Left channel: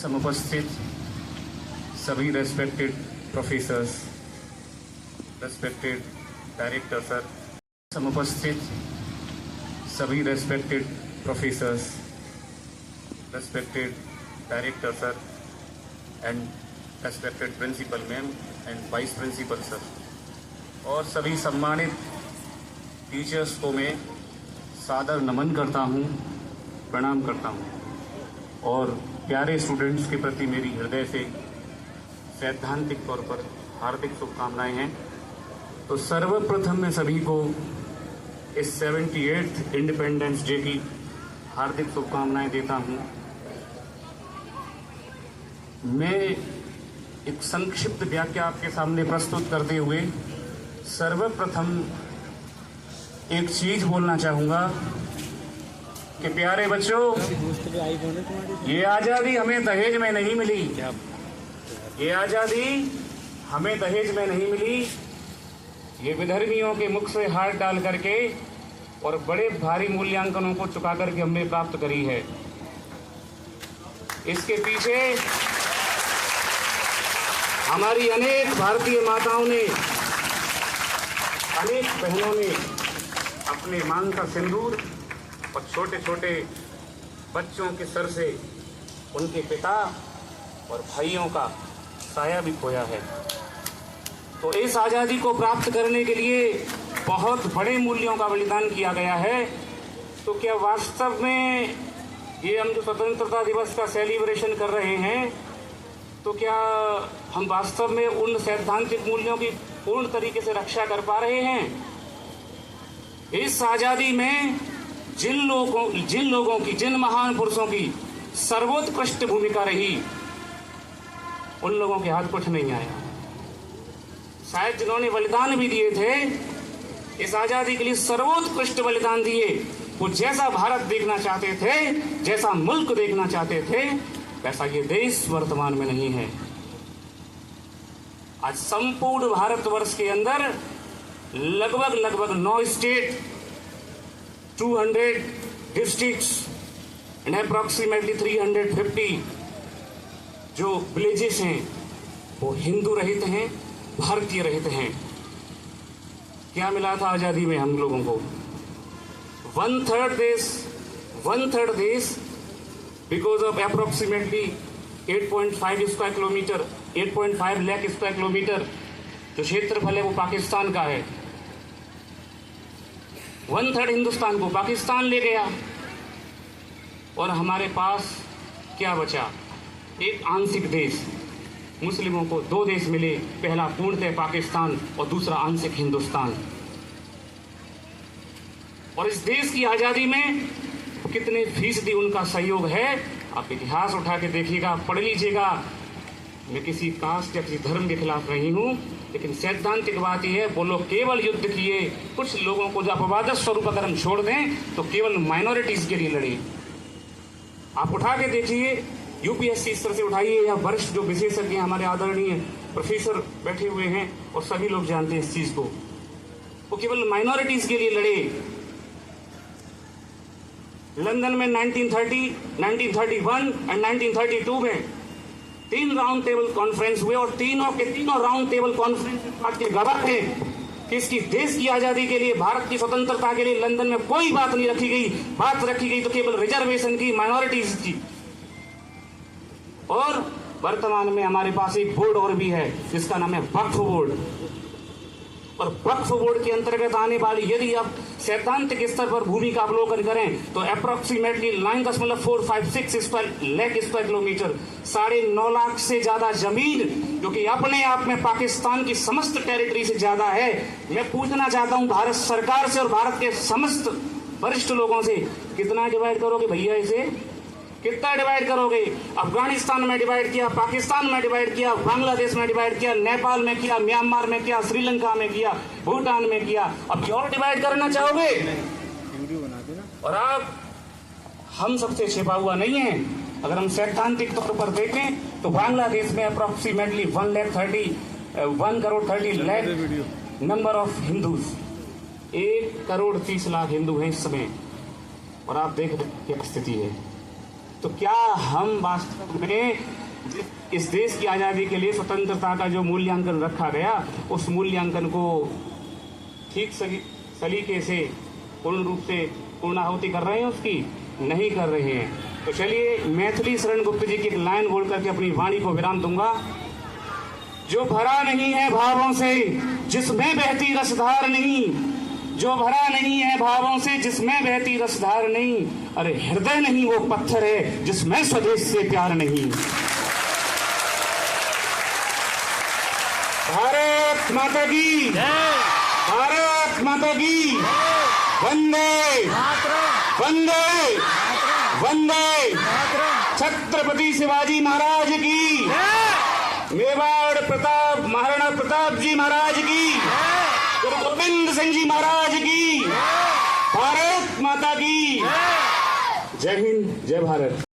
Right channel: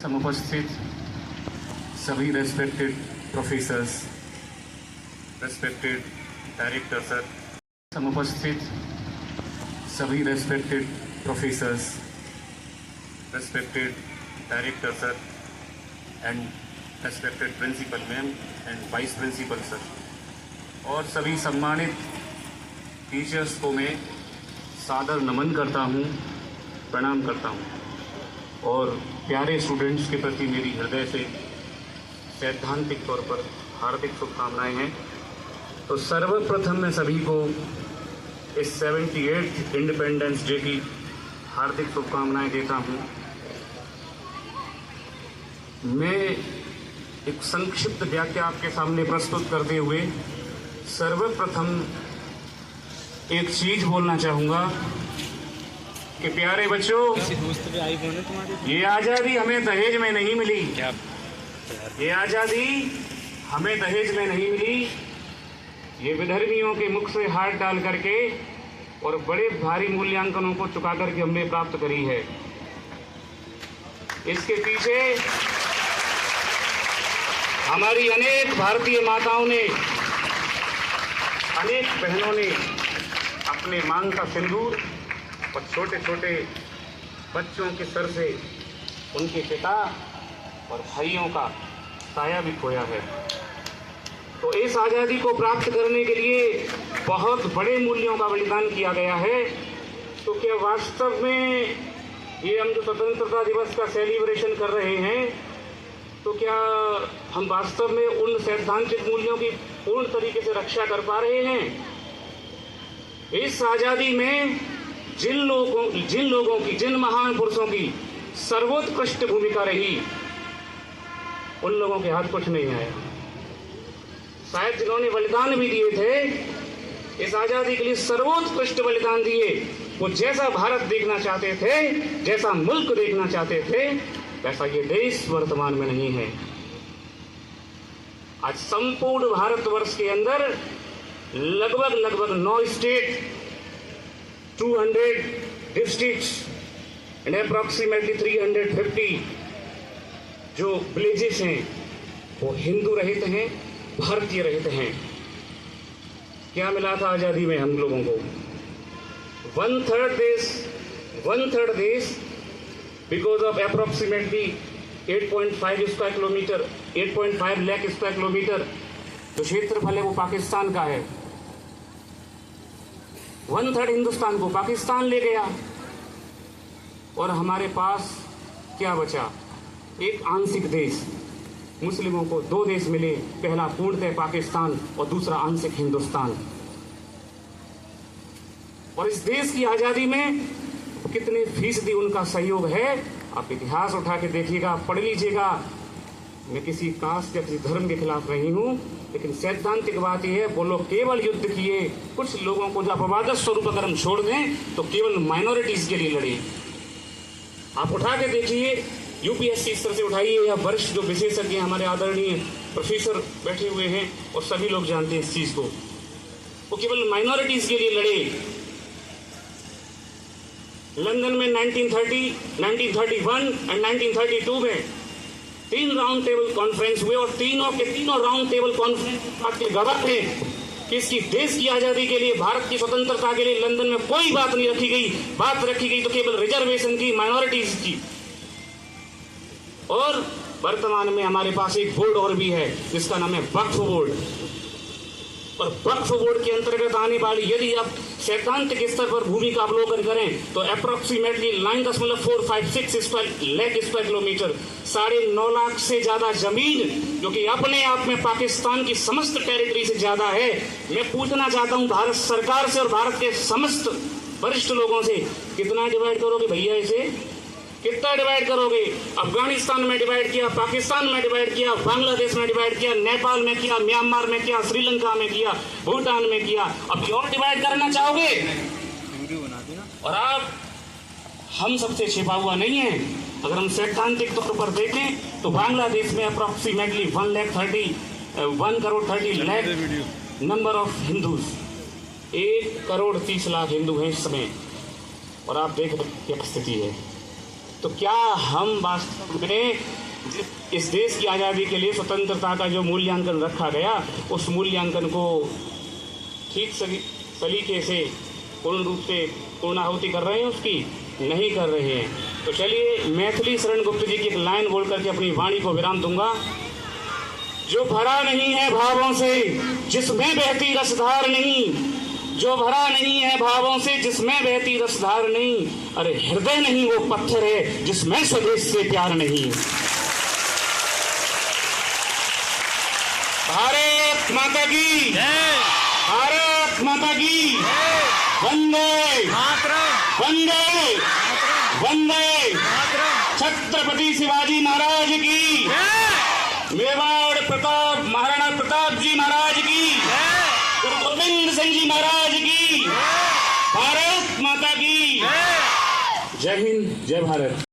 समुपस्थित सभी respected professors, respected director sir, समुपस्थित सभी respected professors, respected director sir and respected principal ma'am and vice principal sir और सभी सम्मानित टीचर्स को मैं सादर नमन करता हूँ, प्रणाम करता हूँ और प्यारे स्टूडेंट्स के प्रति मेरी हृदय से सैद्धांतिक तौर पर हार्दिक शुभकामनाएं हैं। तो सर्वप्रथम मैं सभी को इस 78th इंडिपेंडेंस डे की हार्दिक शुभकामनाएं देता हूं। मैं एक संक्षिप्त व्याख्या आपके सामने प्रस्तुत करते हुए सर्वप्रथम एक चीज बोलना चाहूंगा कि प्यारे बच्चों, ये आज़ादी हमें दहेज में नहीं मिली। ये आज़ादी हमें दहेज में नहीं मिली, ये विधर्मियों के मुख से हाथ डाल करके और बड़े भारी मूल्यांकनों को चुका करके हमने प्राप्त करी है। इसके पीछे हमारी अनेक भारतीय माताओं ने, अनेक बहनों ने अपने मांग का सिंदूर और छोटे छोटे बच्चों के सर से उनके पिता और भाइयों का साया भी खोया है। तो इस आज़ादी को प्राप्त करने के लिए बहुत बड़े मूल्यों का बलिदान किया गया है। तो क्या वास्तव में ये हम जो स्वतंत्रता दिवस का सेलिब्रेशन कर रहे हैं, तो क्या हम वास्तव में उन सैद्धांतिक मूल्यों की पूर्ण तरीके से रक्षा कर पा रहे हैं? इस आज़ादी में जिन लोगों की, जिन महान पुरुषों की सर्वोत्कृष्ट भूमिका रही, उन लोगों के हाथ कुछ नहीं आया। शायद जिन्होंने बलिदान भी दिए थे, इस आज़ादी के लिए सर्वोत्कृष्ट बलिदान दिए, वो जैसा भारत देखना चाहते थे, जैसा मुल्क देखना चाहते थे, वैसा ये देश वर्तमान में नहीं है। आज संपूर्ण भारतवर्ष के अंदर लगभग 9 स्टेट, 200 डिस्ट्रिक्ट्स एंड अप्रॉक्सीमेटली 350 जो विलेजेस हैं वो हिंदू रहित हैं, भारतीय रहित हैं। क्या मिला था आज़ादी में हम लोगों को? 1/3 देश because of approximately 8.5 square kilometre, 8.5 lakh square kilometre जो क्षेत्रफल है वो पाकिस्तान का है। 1/3 हिंदुस्तान को पाकिस्तान ले गया और हमारे पास क्या बचा? एक आंशिक देश। मुस्लिमों को 2 देश मिले, पहला पूर्णतः पाकिस्तान और दूसरा आंशिक हिंदुस्तान। और इस देश की आज़ादी में कितने फीसदी उनका सहयोग है, आप इतिहास उठा के देखिएगा, पढ़ लीजिएगा। मैं किसी कास्ट या किसी धर्म के खिलाफ नहीं हूं, लेकिन सैद्धांतिक बात यह है, वो लोग केवल युद्ध किए। कुछ लोगों को जो अपवाद स्वरूप अगर हम छोड़ दें तो केवल माइनॉरिटीज के लिए लड़े। आप उठा के देखिए, यूपीएससी स्तर से उठाइए या वरिष्ठ जो विशेषज्ञ हमारे आदरणीय प्रोफेसर बैठे हुए हैं और सभी लोग जानते हैं इस चीज को, वो केवल माइनॉरिटीज के लिए लड़े। लंदन में 1930, 1931 एंड 1932 में 3 राउंड टेबल कॉन्फ्रेंस हुए और तीनों के तीनों राउंड टेबल कॉन्फ्रेंस के गवाह थे कि इसकी देश की आज़ादी के लिए, भारत की स्वतंत्रता के लिए लंदन में कोई बात नहीं रखी गई। बात रखी गई तो केवल रिजर्वेशन की, माइनॉरिटीज की। और वर्तमान में हमारे पास एक बोर्ड और भी है जिसका नाम है वक्फ बोर्ड। और वक्फ बोर्ड के अंतर्गत आने वाली, यदि आप सैद्धांतिक स्तर पर भूमि का अवलोकन करें तो approximately 9.456 lakh square kilometre, 9.5 lakh से ज्यादा जमीन, जो कि अपने आप में पाकिस्तान की समस्त टेरिटरी से ज्यादा है। मैं पूछना चाहता हूं भारत सरकार से और भारत के समस्त वरिष्ठ लोगों से, कितना डिवाइड करोगे भैया इसे? कितना डिवाइड करोगे? अफगानिस्तान में डिवाइड किया, पाकिस्तान में डिवाइड किया, बांग्लादेश में डिवाइड किया, नेपाल में किया, म्यांमार में किया, श्रीलंका में किया, भूटान में किया, अब और डिवाइड करना चाहोगे? और आप हम सबसे छिपा हुआ नहीं है। अगर हम सैद्धांतिक तौर पर देखें तो बांग्लादेश में approximately 1 crore 30 lakh number of Hindus, 1 crore 30 lakh Hindu हैं इस समय। और आप देख रहे क्या स्थिति है। तो क्या हम वास्तव में इस देश की आज़ादी के लिए स्वतंत्रता का जो मूल्यांकन रखा गया, उस मूल्यांकन को ठीक सलीके से पूर्ण रूप से पूर्णाहुति कर रहे हैं? उसकी नहीं कर रहे हैं। तो चलिए मैथिली शरण गुप्त जी की एक लाइन बोल करके अपनी वाणी को विराम दूंगा। जो भरा नहीं है भावों से जिसमें बहती रसधार नहीं, जो भरा नहीं है भावों से जिसमें बहती रसधार नहीं, अरे हृदय नहीं वो पत्थर है जिसमें स्वदेश से प्यार नहीं। भारत माता की जय, भारत माता की वंदे मातरम, वंदे मातरम, वंदे मातरम। छत्रपति शिवाजी महाराज की जय, मेवाड़ प्रताप महाराणा प्रताप जी महाराज की जय, गुरु गोविंद सिंह जी महाराज की जय, भारत माता की जय। जय हिंद, जय भारत।